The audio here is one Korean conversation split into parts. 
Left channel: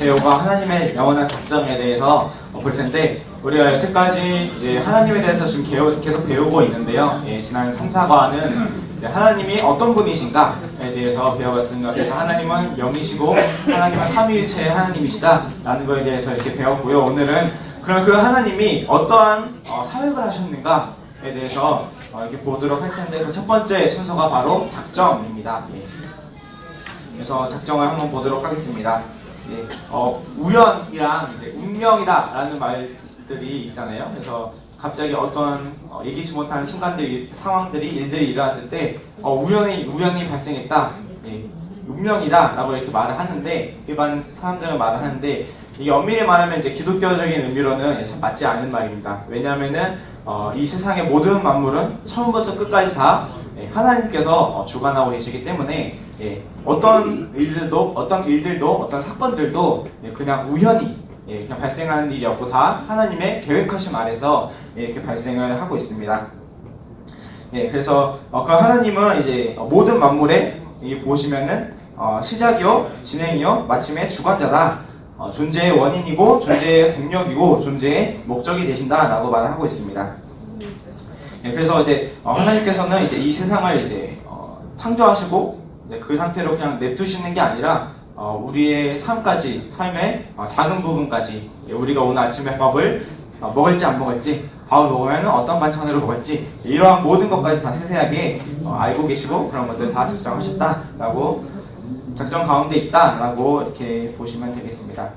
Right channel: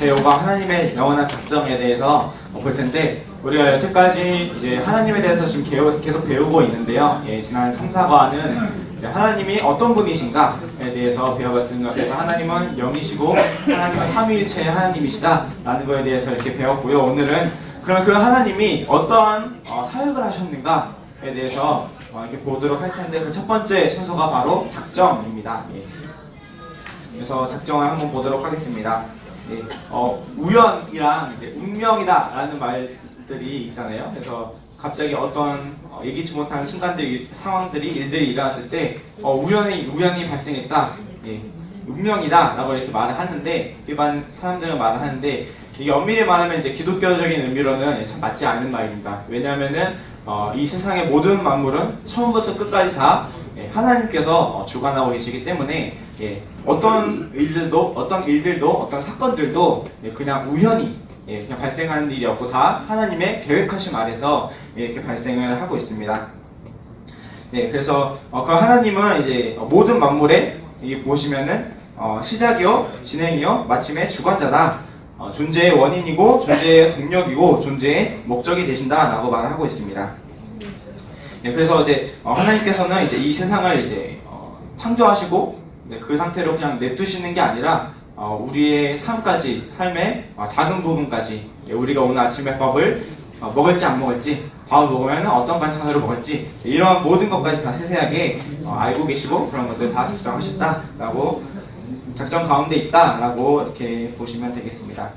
제5가 하나님의 영원한 작정에 대해서 볼 텐데, 우리가 여태까지 이제 하나님에 대해서 지금 계속 배우고 있는데요. 지난 3, 4과는 하나님이 어떤 분이신가에 대해서 배워봤습니다. 그래서 하나님은 영이시고 하나님은 삼위일체의 하나님이시다 라는 거에 대해서 이렇게 배웠고요. 오늘은 그럼 그 하나님이 어떠한 사역을 하셨는가에 대해서 이렇게 보도록 할 텐데, 그 첫 번째 순서가 바로 작정입니다. 그래서 작정을 한번 보도록 하겠습니다. 우연이랑 이제 운명이다 라는 말들이 있잖아요. 그래서 갑자기 어떤 예기치 못한 순간들이, 상황들이, 일들이 일어났을 때 우연히 발생했다, 운명이다 라고 이렇게 말을 하는데, 일반 사람들은 말을 하는데, 이게 엄밀히 말하면 이제 기독교적인 의미로는 참 맞지 않는 말입니다. 왜냐하면은 이 세상의 모든 만물은 처음부터 끝까지 다 하나님께서 주관하고 계시기 때문에 어떤 일들도 어떤 사건들도 그냥 우연히 그냥 발생하는 일이었고, 다 하나님의 계획하심 아래서 이렇게 발생을 하고 있습니다. 그래서 그 하나님은 이제 모든 만물에 보시면은 시작이요, 진행이요, 마침의 주관자다. 존재의 원인이고, 존재의 동력이고, 존재의 목적이 되신다라고 말을 하고 있습니다. 그래서 이제 하나님께서는 이제 이 세상을 이제 창조하시고, 이제 그 상태로 그냥 냅두시는 게 아니라 우리의 삶의 작은 부분까지, 우리가 오늘 아침에 밥을 먹을지 안 먹을지, 밥을 먹으면 어떤 반찬으로 먹을지, 이러한 모든 것까지 다 세세하게 알고 계시고, 그런 것들 다 작정하셨다라고, 작정 가운데 있다라고 이렇게 보시면 되겠습니다.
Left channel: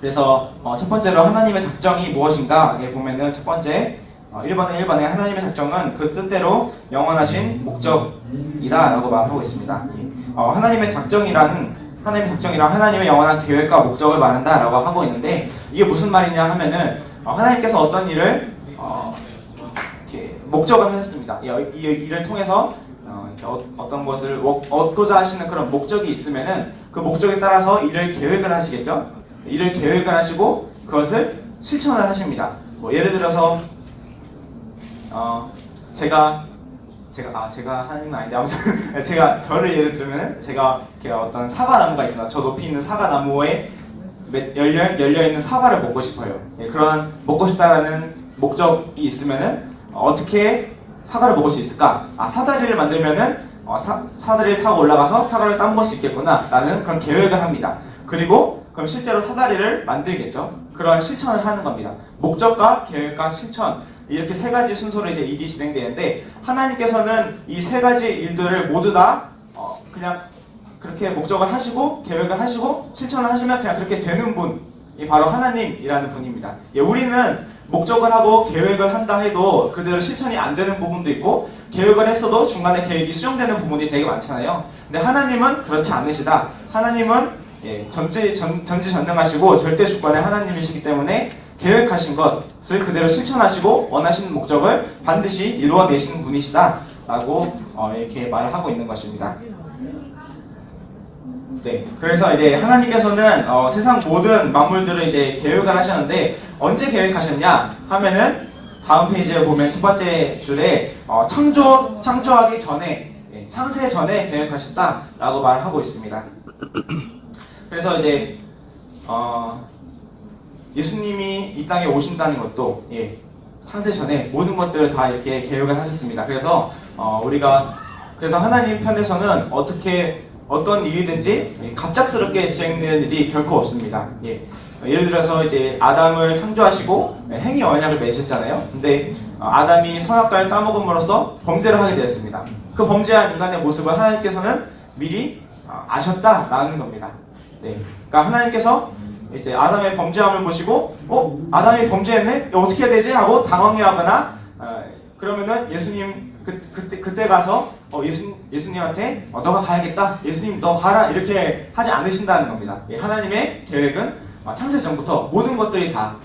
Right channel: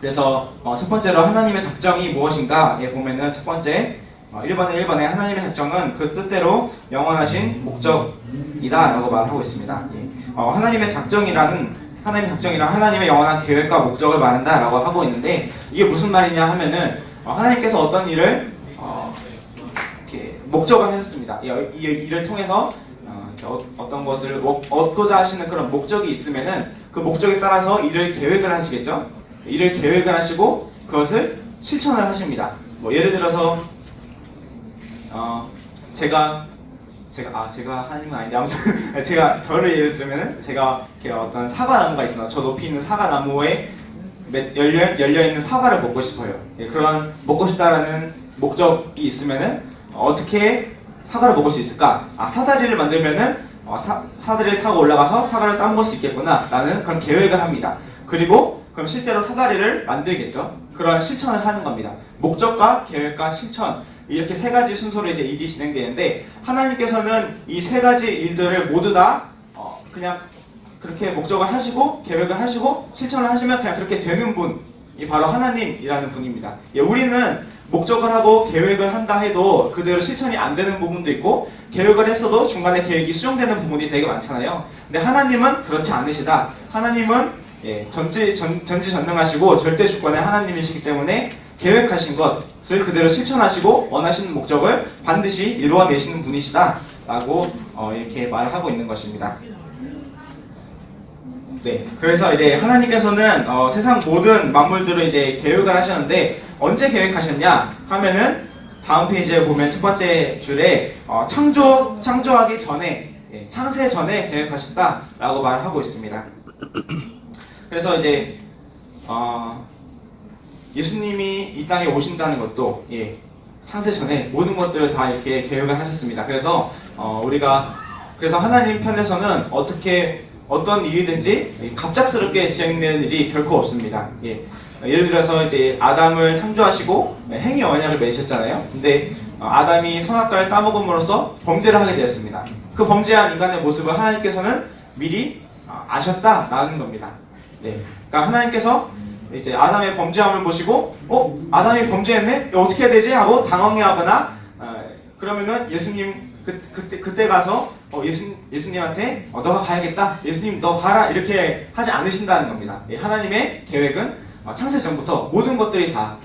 그래서 첫 번째로 하나님의 작정이 무엇인가에 보면은 첫 번째 1번에 하나님의 작정은 그 뜻대로 영원하신 목적이다라고 말하고 있습니다. 하나님의 작정이란 하나님의 영원한 계획과 목적을 말한다라고 하고 있는데, 이게 무슨 말이냐 하면은 하나님께서 어떤 일을 이렇게 목적을 하셨습니다. 이 일을 통해서 어떤 것을 얻고자 하시는 그런 목적이 있으면은 그 목적에 따라서 일을 계획을 하시겠죠. 일을 계획을 하시고 그것을 실천을 하십니다. 예를 들어서 제가 하나님은 아닌데, 아무튼 저를 예를 들면은 제가 어떤 사과나무가 있습니다. 저 높이 있는 사과나무에 열려 있는 사과를 먹고 싶어요. 그런 먹고 싶다라는 목적이 있으면은 어떻게 사과를 먹을 수 있을까? 사다리를 만들면은 사다리를 타고 올라가서 사과를 따먹을 수 있겠구나 라는 그런 계획을 합니다. 그리고 그럼 실제로 사다리를 만들겠죠. 그런 실천을 하는 겁니다. 목적과 계획과 실천, 이렇게 세 가지 순서로 이제 일이 진행되는데, 하나님께서는 이 세 가지 일들을 모두 다 그냥 그렇게 목적을 하시고 계획을 하시고 실천을 하시면 그냥 그렇게 되는 분이 바로 하나님이라는 분입니다. 우리는 목적을 하고 계획을 한다 해도 그대로 실천이 안 되는 부분도 있고, 계획을 했어도 중간에 계획이 수정되는 부분이 되게 많잖아요. 근데 하나님은 그렇지 않으시다. 하나님은 전지전능하시고 절대 주권의 하나님이시기 때문에 계획하신 것을 그대로 실천하시고 원하시는 목적을 반드시 이루어내시는 분이시다 라고 이렇게 말을 하고 있는 것입니다. 그래서 이제 하나님께서는 세상 모든 만물들을 이제 계획을 하셨는데, 언제 계획하셨냐 하면은 다음 페이지에 보면 첫 번째 줄에 창조하기 전에, 창세 전에 계획하셨다라고 말하고 있습니다. 그래서 이제 예수님이 이 땅에 오신다는 것도 창세 전에 모든 것들을 다 이렇게 계획을 하셨습니다. 그래서 그래서 하나님 편에서는 어떤 일이든지 갑작스럽게 진행되는 일이 결코 없습니다. 예를 들어서 이제 아담을 창조하시고 행위 언약을 맺으셨잖아요. 근데 아담이 선악과를 따먹음으로써 범죄를 하게 되었습니다. 그 범죄한 인간의 모습을 하나님께서는 미리 아셨다라는 겁니다. 그러니까 하나님께서 이제 아담의 범죄함을 보시고 아담이 범죄했네? 어떻게 해야 되지? 하고 당황해하거나 그러면은 예수님 그때 가서 예수님한테 너가 가야겠다, 예수님 너 가라, 이렇게 하지 않으신다는 겁니다. 하나님의 계획은 창세 전부터 모든 것들이 다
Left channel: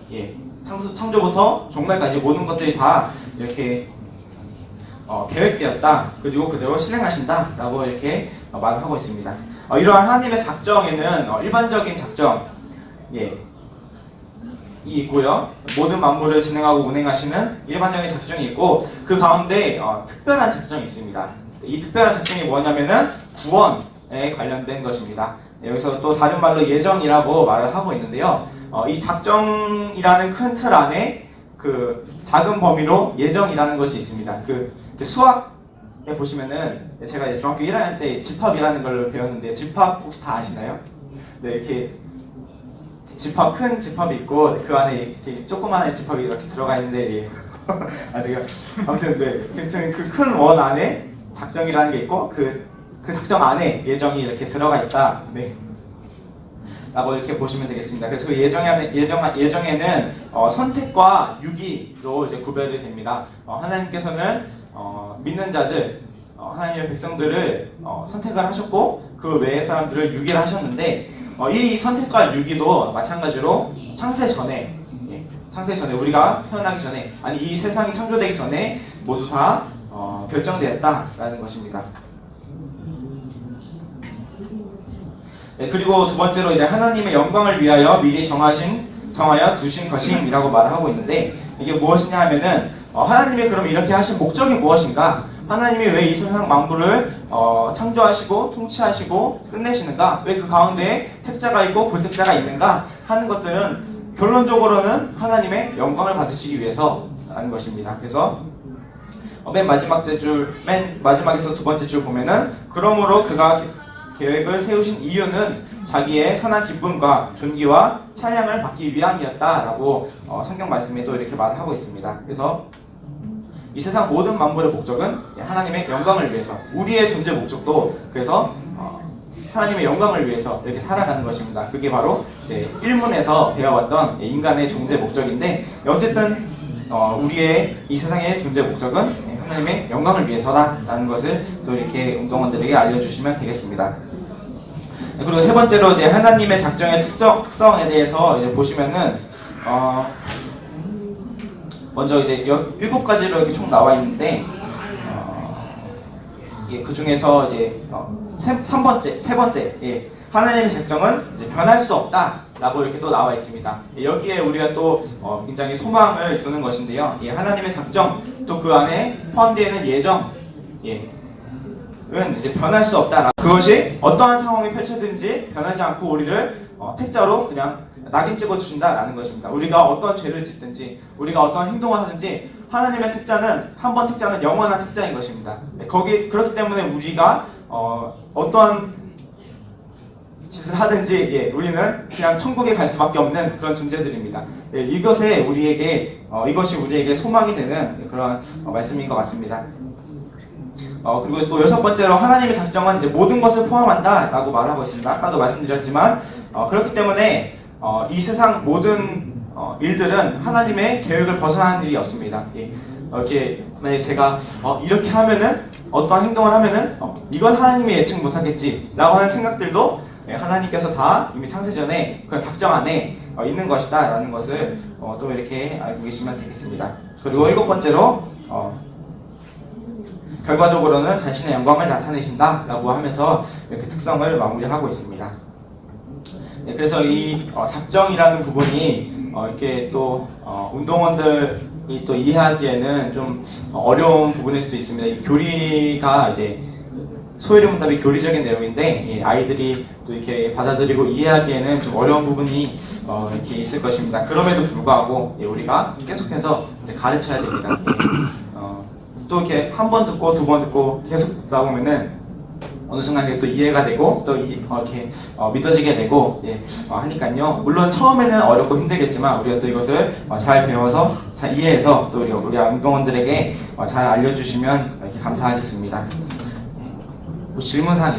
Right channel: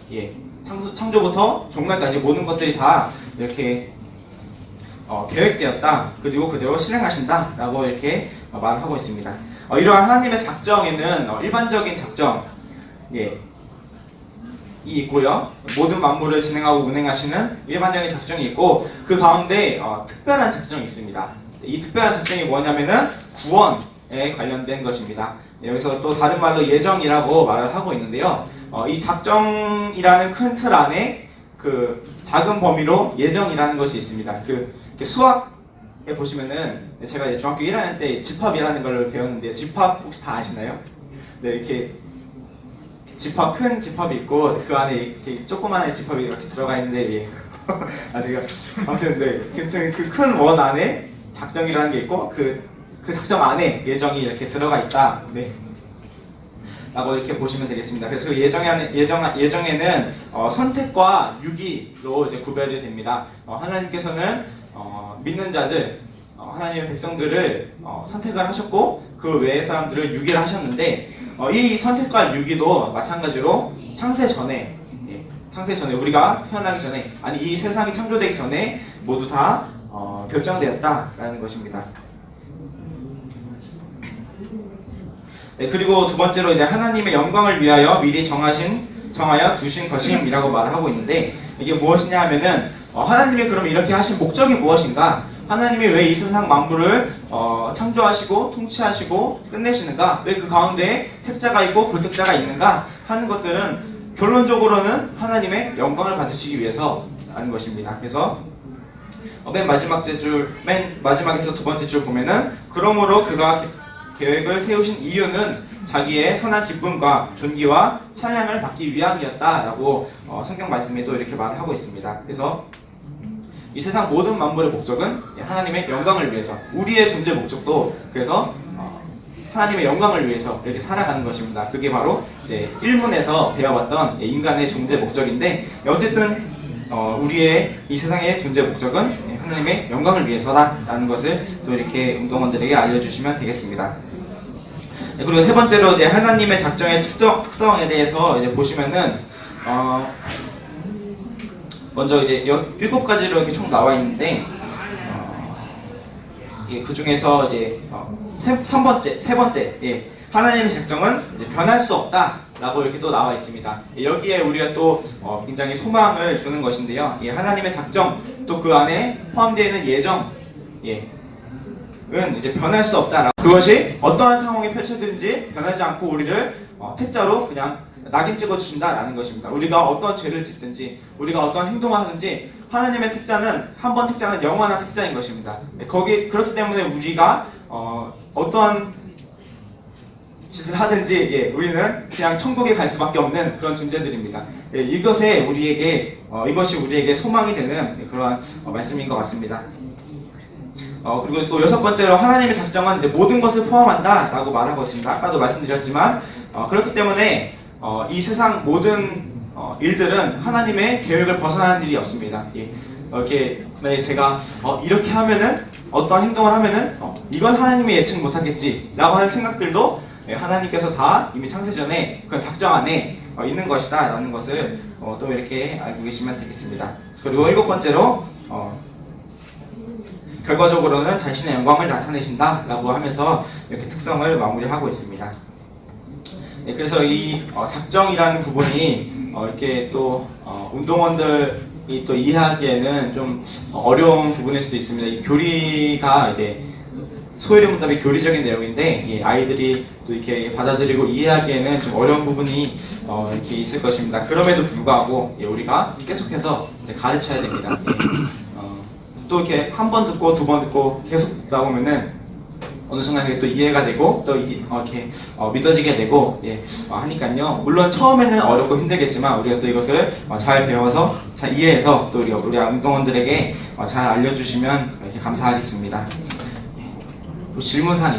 창조부터 종말까지 모든 것들이 다 이렇게 계획되었다, 그리고 그대로 실행하신다 라고 이렇게 말을 하고 있습니다. 이러한 하나님의 작정에는 일반적인 작정 이 있고요. 모든 만물을 진행하고 운행하시는 일반적인 작정이 있고, 그 가운데 특별한 작정이 있습니다. 이 특별한 작정이 뭐냐면은 구원에 관련된 것입니다. 여기서 또 다른 말로 예정이라고 말을 하고 있는데요. 이 작정이라는 큰 틀 안에 그 작은 범위로 예정이라는 것이 있습니다. 그 수학에 보시면은 제가 이제 중학교 1학년 때 집합이라는 걸 배웠는데 집합 혹시 다 아시나요? 네, 이렇게 집합, 큰 집합이 있고 그 안에 이렇게 조그마한 집합이 이렇게 들어가 있는데 예. 아무튼 네, 그 큰 원 안에 작정이라는 게 있고 그 작정 안에 예정이 이렇게 들어가 있다. 네. 라고 이렇게 보시면 되겠습니다. 그래서 그 예정에는 선택과 유기로 이제 구별이 됩니다. 하나님께서는 믿는 자들, 하나님의 백성들을 선택을 하셨고 그 외의 사람들을 유기를 하셨는데 이 선택과 유기도 마찬가지로 창세 전에 우리가 태어나기 전에 아니 이 세상이 창조되기 전에 모두 다 결정되었다라는 것입니다. 네, 그리고 두 번째로 이제 하나님의 영광을 위하여 미리 정하여 두신 것임이라고 말을 하고 있는데 이게 무엇이냐 하면은 하나님이 그럼 이렇게 하신 목적이 무엇인가? 하나님이 왜 이 세상 만물을 창조하시고 통치하시고 끝내시는가? 왜 그 가운데 택자가 있고 불택자가 있는가? 하는 것들은 결론적으로는 하나님의 영광을 받으시기 위해서라는 것입니다. 그래서 맨 마지막에서 두 번째 줄 보면은 그러므로 그가 계획을 세우신 이유는 자기의 선한 기쁨과 존귀와 찬양을 받기 위함이었다라고 성경 말씀에 또 이렇게 말을 하고 있습니다. 그래서 이 세상 모든 만물의 목적은 하나님의 영광을 위해서 우리의 존재 목적도 그래서 하나님의 영광을 위해서 이렇게 살아가는 것입니다. 그게 바로 이제 1문에서 배워왔던 인간의 존재 목적인데 어쨌든 우리의 이 세상의 존재 목적은 하나님의 영광을 위해서다라는 것을 또 이렇게 운동원들에게 알려주시면 되겠습니다. 그리고 세 번째로 이제 하나님의 작정의 특성에 대해서 이제 보시면은 먼저 이제 7가지로 이렇게 총 나와 있는데 그 중에서 이제 세 번째 하나님의 작정은 이제 변할 수 없다라고 이렇게 또 나와 있습니다. 여기에 우리가 또 굉장히 소망을 주는 것인데요. 하나님의 작정 또 그 안에 포함되어 있는 예정 은 이제 변할 수 없다라고 그것이 어떠한 상황이 펼쳐지든지 변하지 않고 우리를 택자로 그냥 낙인 찍어주신다라는 것입니다. 우리가 어떤 죄를 짓든지 우리가 어떤 행동을 하든지 하나님의 택자는 한 번 택자는 영원한 택자인 것입니다. 그렇기 때문에 우리가 어떤 짓을 하든지 우리는 그냥 천국에 갈 수밖에 없는 그런 존재들입니다. 이것이 우리에게 소망이 되는 그런 말씀인 것 같습니다. 그리고 또 6번째로 하나님의 작정은 이제 모든 것을 포함한다라고 말하고 있습니다. 아까도 말씀드렸지만 그렇기 때문에 이 세상 모든 일들은 하나님의 계획을 벗어나는 일이 없습니다. 이렇게 만약에 제가 이렇게 하면은 어떤 행동을 하면은 이건 하나님이 예측 못하겠지라고 하는 생각들도 하나님께서 다 이미 창세 전에 그런 작정 안에 있는 것이다라는 것을 또 이렇게 알고 계시면 되겠습니다. 그리고 7번째로 결과적으로는 자신의 영광을 나타내신다라고 하면서 이렇게 특성을 마무리하고 있습니다. 그래서 이 작정이라는 부분이 이렇게 또 운동원들이 또 이해하기에는 좀 어려운 부분일 수도 있습니다. 이 교리가 이제 소위의 문답이 교리적인 내용인데 아이들이 또 이렇게 받아들이고 이해하기에는 좀 어려운 부분이 이렇게 있을 것입니다. 그럼에도 불구하고 우리가 계속해서 이제 가르쳐야 됩니다. 또 이렇게 한 번 듣고 두 번 듣고 계속 듣다 보면은 어느 순간 또 이해가 되고 또 이렇게 믿어지게 되고 하니까요. 물론 처음에는 어렵고 힘들겠지만 우리가 또 이것을 잘 배워서 잘 이해해서 또 우리 운동원들에게 잘 알려주시면 이렇게 감사하겠습니다. 질문사항